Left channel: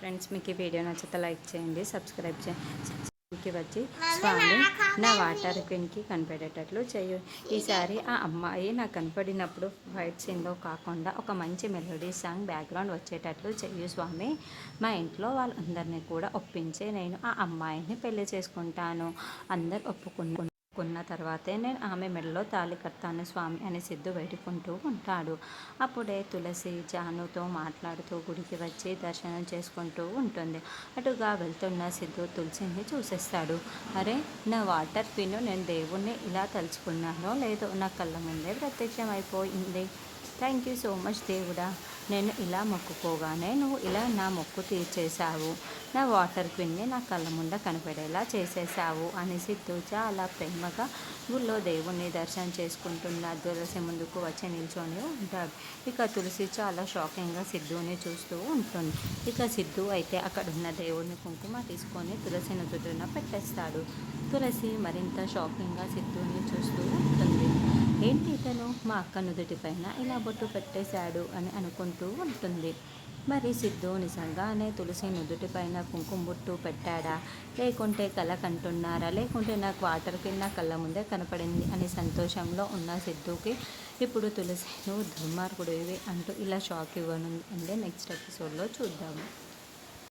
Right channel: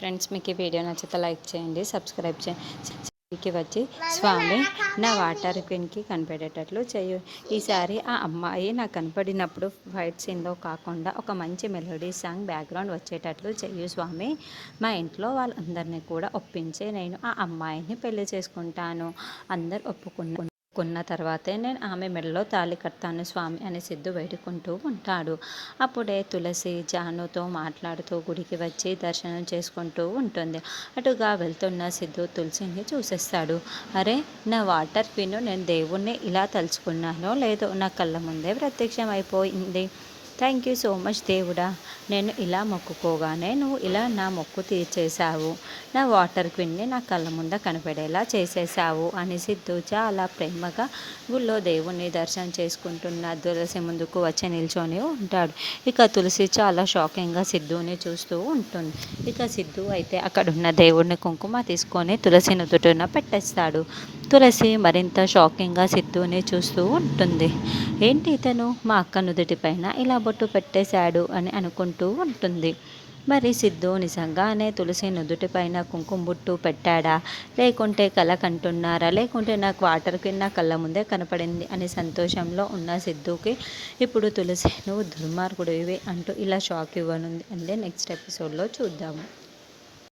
Friends, మీకు ఈ video నచ్చితే లైక్ చేయండి, సబ్స్క్రైబ్ చేయండి. వచ్చి స్వామి నా వాటర్ క్వీన్కి కనిపెట్టేటట్లు చేయు. ఈసారి ఆ అమ్మాయి నాకు కనపడినప్పుడు ఫైట్ సీన్లో కాకుండా ఒక మంచి మెలోడీ సాంగ్ బ్యాక్గ్రౌండ్ వచ్చేటట్లు చెయ్యు స్వామి. మా ఇంట్లో వాళ్ళందరినీ కూడా ఒప్పించి నేను ఆ అమ్మాయిని పెళ్లి చేసుకుంటాను. అందరు ఒప్పుకున్న తర్వాతే నేను ఆమె మెడలో తాళి కడతాను స్వామి అని సిద్ధు వేడుకుంటూ ఉంటాడు. అప్పుడే తులసి జానుతో మాట్లాడుతూ గుడికి వచ్చి దర్శనం చేసుకుంటూ ఉంటుంది. అటుగా వెళ్తున్న సిద్ధు తులసిని చూసేస్తాడు. అరే, నా వాటర్ క్వీన్, నేను దేవుణ్ణి ఇలా తలుచుకున్నానో లేదో నా కళ్ళ ముందే ప్రత్యక్షం అయిపోయింది. థ్యాంక్ యూ సో మచ్ దేవుడా. నేను ఇలా మొక్కుకోగానే నువ్వు ఇలా నా మొక్కు తీర్చేశావు. నా వాటర్ క్వీన్ని నా కళ్ళ ముంద కనపడేలా చేసేసావు అని సిద్ధు చాలా ప్రేమగా గుళ్ళో దేవుణ్ణి దర్శనం చేసుకుంటున్న తులసి ముందుకు వచ్చి నిల్చొని ఉంటాడు. ఇక తులసి చాలా షాకింగ్గా సిద్ధుని చూస్తూ ఉంటుంది. ఇక సిద్ధు అయితే అక్కడున్న దేవుడిని కుంకుమ తీసుకొని తులసి నుదుటిన పెట్టేస్తాడు. తులసి మరింత షాకింగ్గా సిద్ధుని చూస్తూ ఉంటుంది. ఏంటి ఇతను మా అక్క నుదుటిపైన ఇలా బొట్టు పెట్టేశాడు అని అనుకుంటూ ఉంటుంది. మరి సిద్ధు నిజంగానే తులసి నుదుటిపైన కుంకుమ బొట్టు పెట్టాడా, లేకుంటే కల కంటున్నారా, లేకుంటే నాకు వాటర్ కింద కళ్ళ ముందే కనపడింది అని సంతోషంలో ఉన్న సిద్ధుకి ఇప్పుడు తులసి నువ్వు దుర్మార్గుడివి అంటూ ఇలా షాక్ ఇవ్వనుంది అంటే నెక్స్ట్ ఎపిసోడ్లో చూద్దాము.